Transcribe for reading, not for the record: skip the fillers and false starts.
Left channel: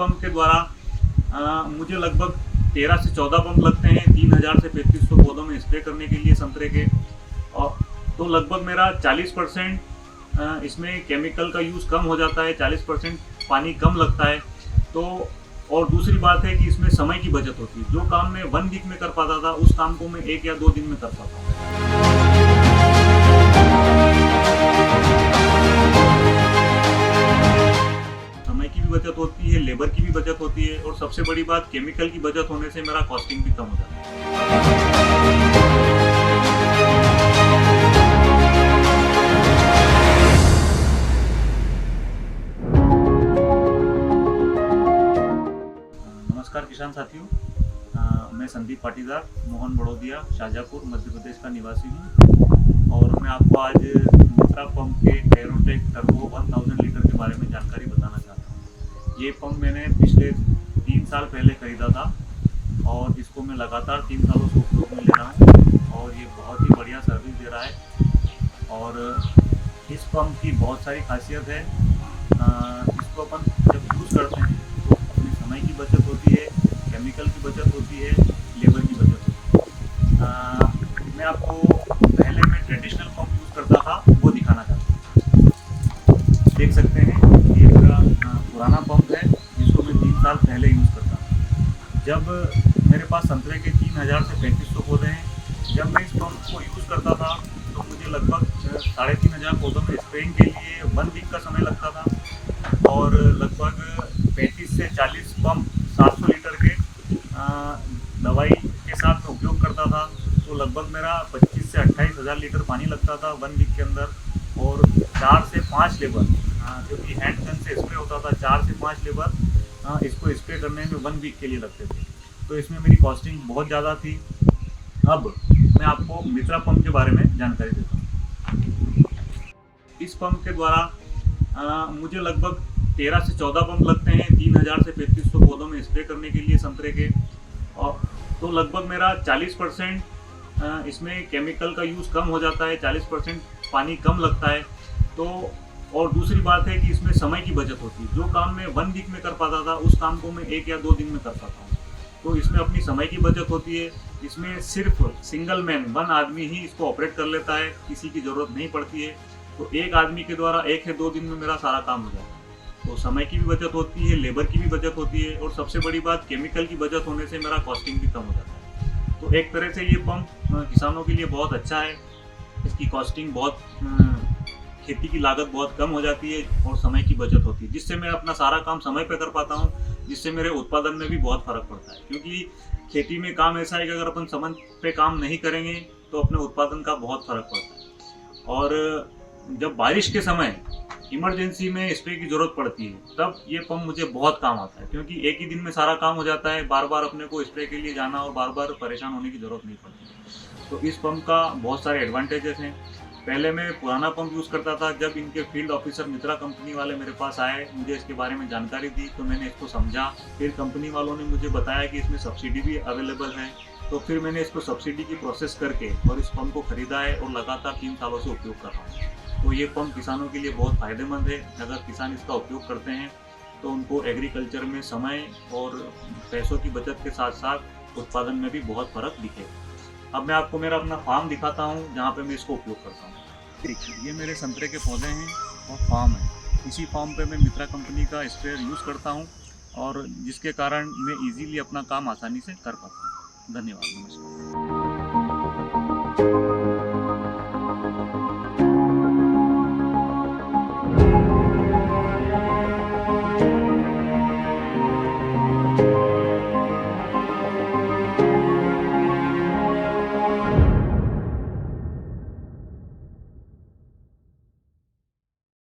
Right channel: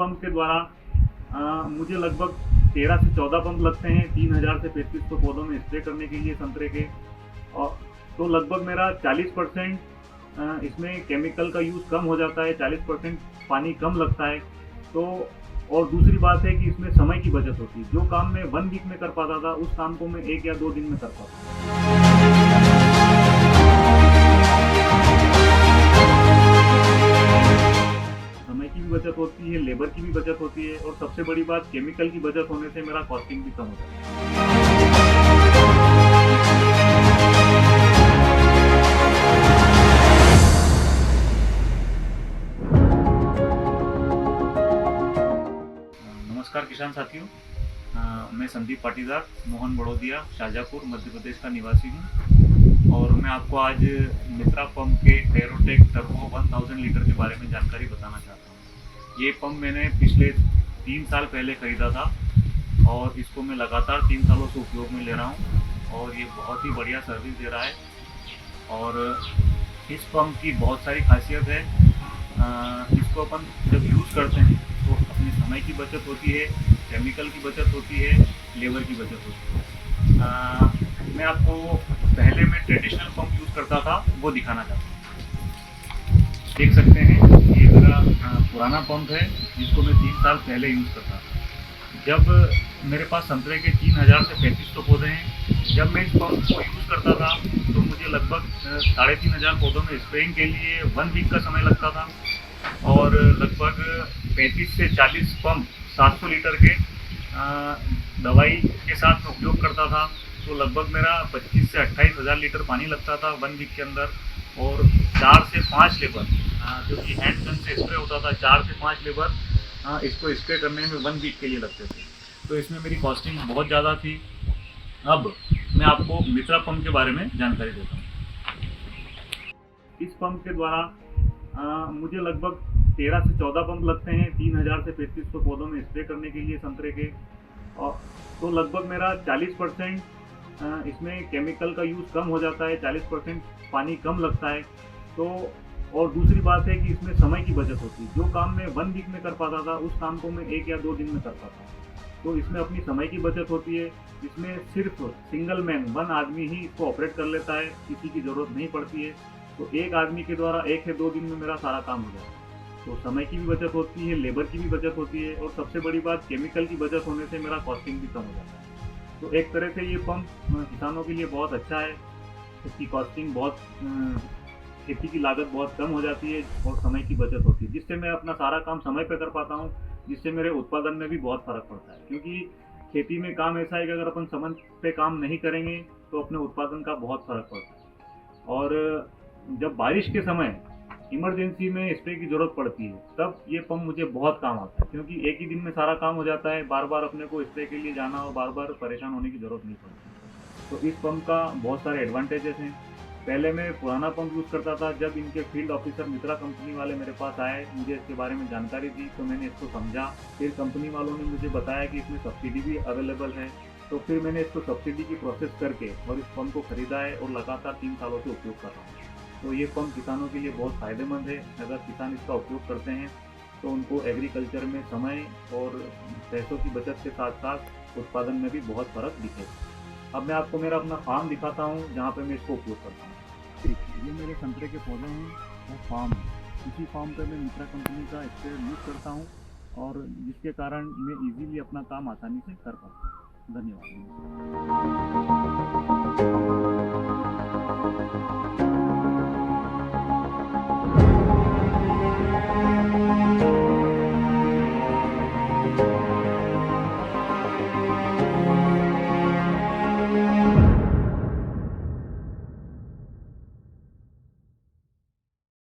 Pump के द्वारा मुझे लगभग 13 से 14 पंप लगते हैं 3000 से 3500 पौधों में स्प्रे करने के लिए संतरे के। और तो लगभग मेरा 40% इसमें केमिकल का यूज़ कम हो जाता है, 40% पानी कम लगता है। तो और दूसरी बात है कि इसमें समय की बचत होती है। जो काम मैं 1 वीक में कर पाता था, उस काम को मैं 1 या 2 दिन में कर पाता हूँ। समय की भी बचत होती है, लेबर की भी बचत होती है, और सबसे बड़ी बात केमिकल की बचत होने से मेरा कॉस्टिंग भी कम हो जाता है। नमस्कार किसान साथियों, मैं संदीप पाटीदार, मोहन बड़ौदिया, शाजापुर, मध्य प्रदेश का निवासी हूँ। और मैं आपको आज मित्रा पंप के एरोटेक टर्बो 1000 लीटर के बारे में जानकारी बताना चाहता हूँ। ये पंप मैंने पिछले 3 साल पहले खरीदा था और इसको मैं लगातार 3 सालों से उपयोग में ले रहा हूँ और ये बहुत ही बढ़िया सर्विस दे रहा है। और इस पंप की बहुत सारी खासियत है। इसको अपन जब यूज़ करते हैं तो अपने समय की बचत होती है, केमिकल की बचत होती है, लेबर की बचत होती है। मैं आपको पहले मैं ट्रेडिशनल पंप यूज़ करता था वो दिखाना चाहता हूँ। देख सकते हैं ये मेरा पुराना पंप है जिसको मैं 3 साल पहले यूज़ करता था। जब मेरे पास संतरे के 3000 से 3500 पौधे हैं, जब मैं इस पंप को यूज़ करता था तो मुझे लगभग 3500 पौधों में स्प्रेइंग के लिए 1 वीक का समय लगता था और लगभग 35 से 40 पंप 700 लीटर के दवाई के साथ में उपयोग करता था। तो लगभग मेरा 25 से 28 हज़ार लीटर पानी लगता था 1 वीक के अंदर। और 4 से 5 लेबर जो कि हैंड गन से स्प्रे होता था, 4 से 5 लेबर इसको स्प्रे करने में 1 वीक के लिए लगते थे। तो इसमें मेरी कॉस्टिंग बहुत ज़्यादा थी। अब मैं आपको मित्रा पंप के बारे में जानकारी देता हूँ। इस पंप के द्वारा मुझे लगभग 13 से 14 पंप लगते हैं 3000 से 3500 पौधों में स्प्रे करने के लिए संतरे के। और तो लगभग मेरा 40% इसमें केमिकल का यूज़ कम हो जाता है, 40% पानी कम लगता है। तो और दूसरी बात है कि इसमें समय की बचत होती है। जो काम मैं 1 वीक में कर पाता था, उस काम को मैं 1 या 2 दिन में कर पाता हूँ। तो इसमें अपनी समय की बचत होती है। इसमें सिर्फ सिंगल मैन 1 आदमी ही इसको ऑपरेट कर लेता है, किसी की ज़रूरत नहीं पड़ती है। तो एक आदमी के द्वारा 1 या 2 दिन में मेरा सारा काम हो जाता है। तो समय की भी बचत होती है, लेबर की भी बचत होती है, और सबसे बड़ी बात केमिकल की बचत होने से मेरा कॉस्टिंग भी कम हो जाता है। तो एक तरह से ये पंप किसानों के लिए बहुत अच्छा है। इसकी कॉस्टिंग बहुत खेती की लागत बहुत कम हो जाती है और समय की बचत होती है, जिससे मैं अपना सारा काम समय पे कर पाता हूँ, जिससे मेरे उत्पादन में भी बहुत फ़र्क पड़ता है। क्योंकि खेती में काम ऐसा है कि अगर अपन समय पे काम नहीं करेंगे तो अपने उत्पादन का बहुत फ़र्क पड़ता है। और जब बारिश के समय इमरजेंसी में स्प्रे की ज़रूरत पड़ती है, तब ये पंप मुझे बहुत काम आता है। क्योंकि एक ही दिन में सारा काम हो जाता है, बार बार अपने को स्प्रे के लिए जाना और बार बार परेशान होने की ज़रूरत नहीं पड़ती। तो इस पंप का बहुत सारे एडवांटेजेस हैं। पहले मैं पुराना पंप यूज़ करता था। जब इनके फील्ड ऑफिसर मित्रा कंपनी वाले मेरे पास आए, मुझे इसके बारे में जानकारी दी, तो मैंने इसको समझा। फिर कंपनी वालों ने मुझे बताया कि इसमें सब्सिडी भी अवेलेबल है। तो फिर मैंने इसको सब्सिडी की प्रोसेस करके और इस पंप को ख़रीदा है और लगातार 3 सालों से उपयोग कर रहा हूँ। तो ये पंप किसानों के लिए बहुत फ़ायदेमंद है। अगर किसान इसका उपयोग करते हैं तो उनको एग्रीकल्चर में समय और पैसों की बचत के साथ साथ उत्पादन में भी बहुत फ़र्क दिखेगा। अब मैं आपको मेरा अपना फार्म दिखाता हूँ जहाँ पे मैं इसको उपयोग करता हूँ। देखिए, ये मेरे संतरे के पौधे हैं और फार्म है। इसी फार्म पे मैं मित्रा कंपनी का स्प्रेयर यूज़ करता हूँ और जिसके कारण मैं इजीली अपना काम आसानी से कर पाता हूँ। धन्यवाद, नमस्कार।